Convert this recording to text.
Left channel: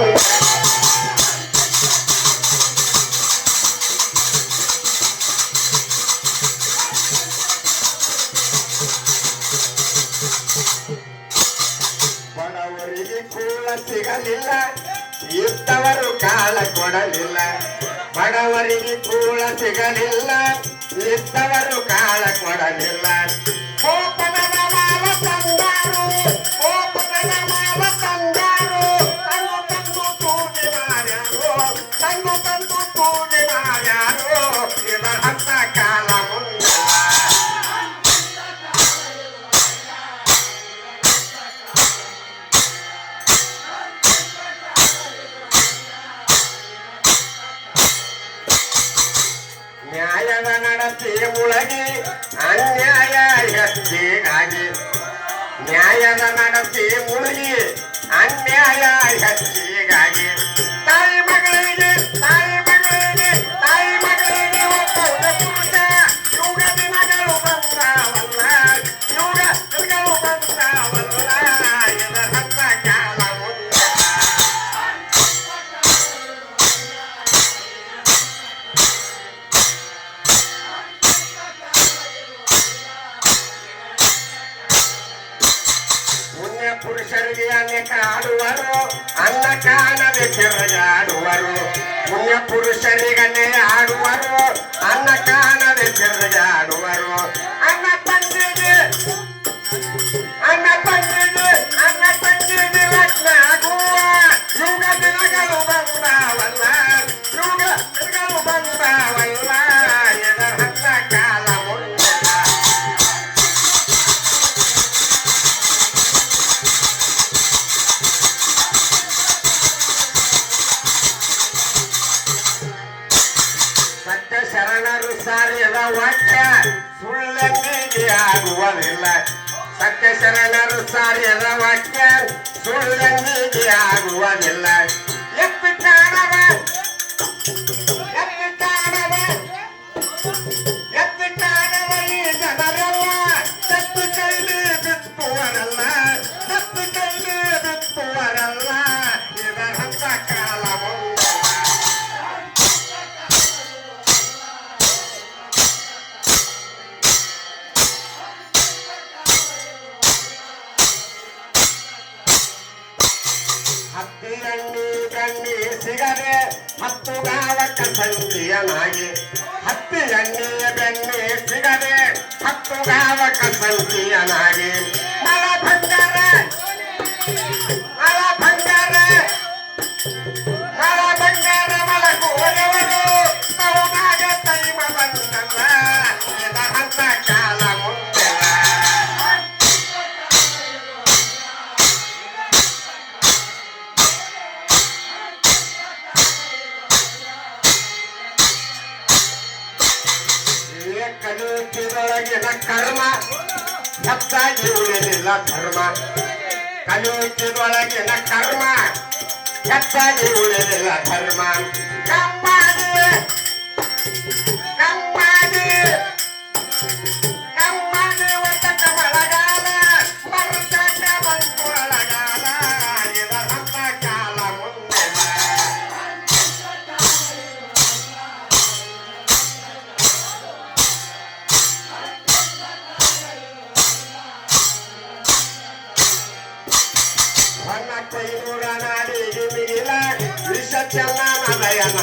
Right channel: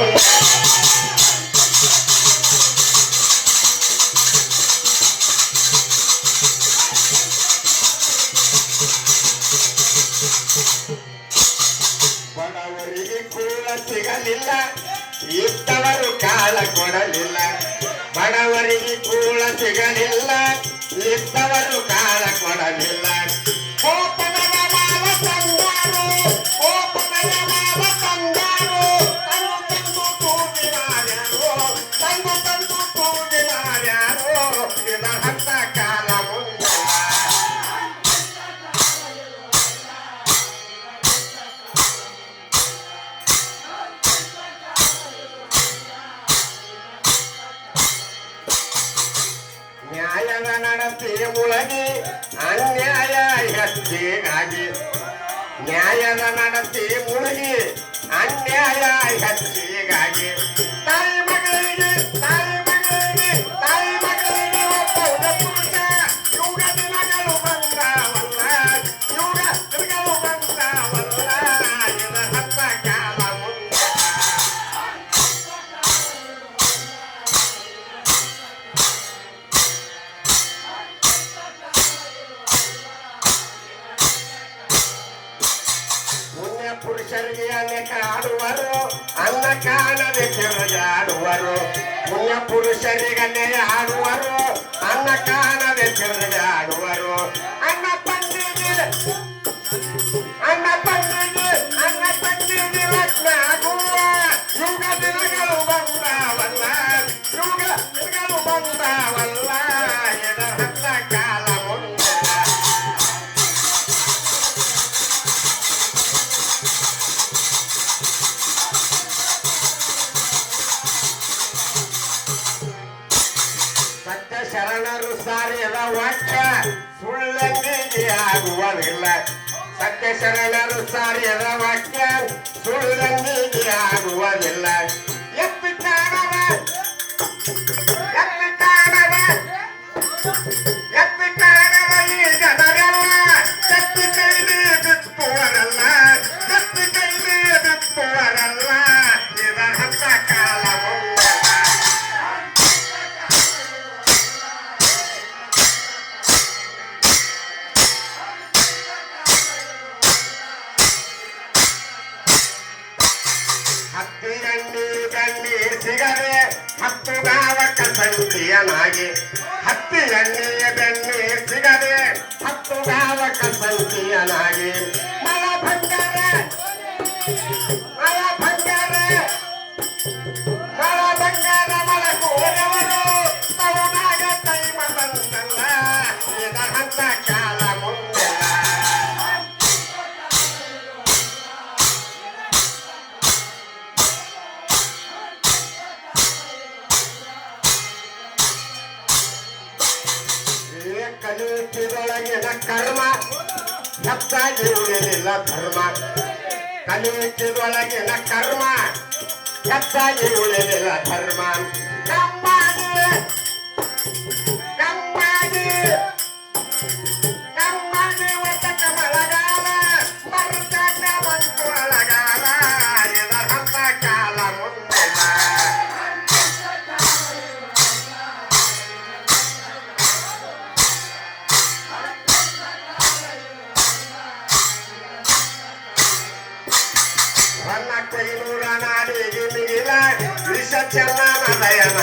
ಮುಂದೆ ಬಡವರಿಗೆ ಕೂಳ ಸಿಗಲಿಲ್ಲ, ಇದ್ದವರು ಕಾಳ ಕೊಡಲಿಲ್ಲ. ಬಡವರಿಗೆ ಕೂಳ ಸಿಗಲಿಲ್ಲ, ಇದ್ದವರು ಕಾಳ ಕೊಡಲಿಲ್ಲ. ಕೋಪನದ ಮಾವ ತಂದಾರು, ಕೋಪನದ ಮಾವ ತಂದಾರು, ತಂದು ತಂದು ತೂಗಿ ಮಾಡ್ಯಾರು, ತಂದು ತಂದು ತೂಗಿ ಮಾಡ್ಯಾರು. ಇದರ ಹತ್ತ ಕಾಲ ಮುಂದೆ ನ್ಯಾಯದ ನಡತೆ ಮುಳಗಿ ಅನ್ಯಾಯ ಹೆಚ್ಚಿಗಾಗಿ, ನ್ಯಾಯದ ನಡತೆ ಮುಳುಗಿ ಅನ್ಯಾಯ ಹೆಚ್ಚಿಗಾಗಿ. ತಾಯಿ ಮಗಳಿಗೆ ತಾಯಿ ಮಗಳಿಗೆ ತಾಯಿ ಮಗಳಿಗೆ ಒಬ್ಬ ಪುರುಷ ಯುಗ ದಿನಗಳು ಬಂದಾವಲ್ಲ, ಯುಗ ದಿನಗಳು ಬಂದಾವಲ್ಲ. ಇದರ ಹತ್ತ ಕಾಲ ಮುಂದೆ ಪುರುಷರಿಗೆ ಅನೇಕ ಆಡುವರು, ಅನ್ನ ಕಾಣದೆ ತಿರುಗಾಡುವರು. ಪುಣ್ಯ ಪುರುಷರಿಗನ್ನೇ ಆಡುವರು, ಅನ್ನ ಕಾಣದೆ ತಿರುಗಾಡುವರು. ಅನ್ನ ತಂದಿಗೆ ಅನ್ನ ತಂದಿಗೆ ಅನ್ನ ತಂದಿಗೆ ಲಗ್ನ ಆಗುವ ಯುಗ ದಿನಗಳು ಬಂದಾವಲ್ಲ, ಯುಗ ದಿನಗಳು ಬಂದಾವಲ್ಲ. ಇದರ ಹತ್ತ ಕಾಲ ಮುಂದೆ ಸತ್ಯ ಶರಣರು ಸಾರಿದ ವಾಕ್ಯ ಸುಳ್ಳಂದಿಗೆ ಆಗುವುದಿಲ್ಲ. ಸತ್ಯ ಶರಣರು ಸಾರಿದ ವಾಕ್ಯ ಸುಳ್ಳಂದಿಗೆ ಆಗುವುದಿಲ್ಲ. ಎತ್ತಿ ಕಾಣವ ಎತ್ತಿ ಕಾಣವ ಎತ್ತಿ ಕಾಣವ ಈ ಜನರೆಲ್ಲ ಕತ್ತಿ ಕೈಲಿ ಬಿತ್ತುವರಲ್ಲ, ಕತ್ತಿ ಕೈಲಿ ಬಿತ್ತುವರಲ್ಲ. ಇದರ ಹತ್ತ ಕಾಲ ಮುಂದೆ ಹತ್ತಿ ಎಣ್ಣೆ ಸಿಗದೆ ಹತ್ತು ಗಾವಕ ಸಂಖ್ಯೆಯನಾಗಿ, ಹತ್ತಿ ಎಣ್ಣೆಯ ಬೆಣ್ಣೆ ಸಿಗದೆ ಹತ್ತು ಗಾವಕ ಸಂಖ್ಯೆಯನಾಗಿ. ಮಲ ಬಂಗಾರ ಮಲ ಬಂಗಾರ ಮಲ ಬಂಗಾರ ಮಲಗುವವರು ತೌನಾಗ ತೈಮ ಬಂದಲ್ಲ. ಇದರ ಹತ್ತ ಕಾಲ ಮುಂದೆ ಕಲಿಯುತ್ತಿದೊಳಗಿನ ಕರ್ಮ ಹೆಚ್ಚಾಗಿ ಉಳಿದಿಲ್ಲ ಧರ್ಮ. ಕಲಿಯುತ್ತಿದೊಳಗಿನ ಕರ್ಮ ಹೆಚ್ಚಾಗಿ ಉಳಿದಿಲ್ಲ ಧರ್ಮ. ಕಮ್ಮಾಡಿ ಕಮ್ಮಾಡಿ ಕಮ್ಮಾಡಿ ಒತ್ತಟ ಮಳೆಗಾಲ ಬರುತ್ತಾಟ ಬಂತು ಅಳಗಾಲ. ಇದರ ಹತ್ತ ಕಾಲ ಮುಂದೆ ಕೈನೂರ ನಾಡಿಗೆ ಮೀರ ವಿಷ ಚೆನ್ನ ನಯನ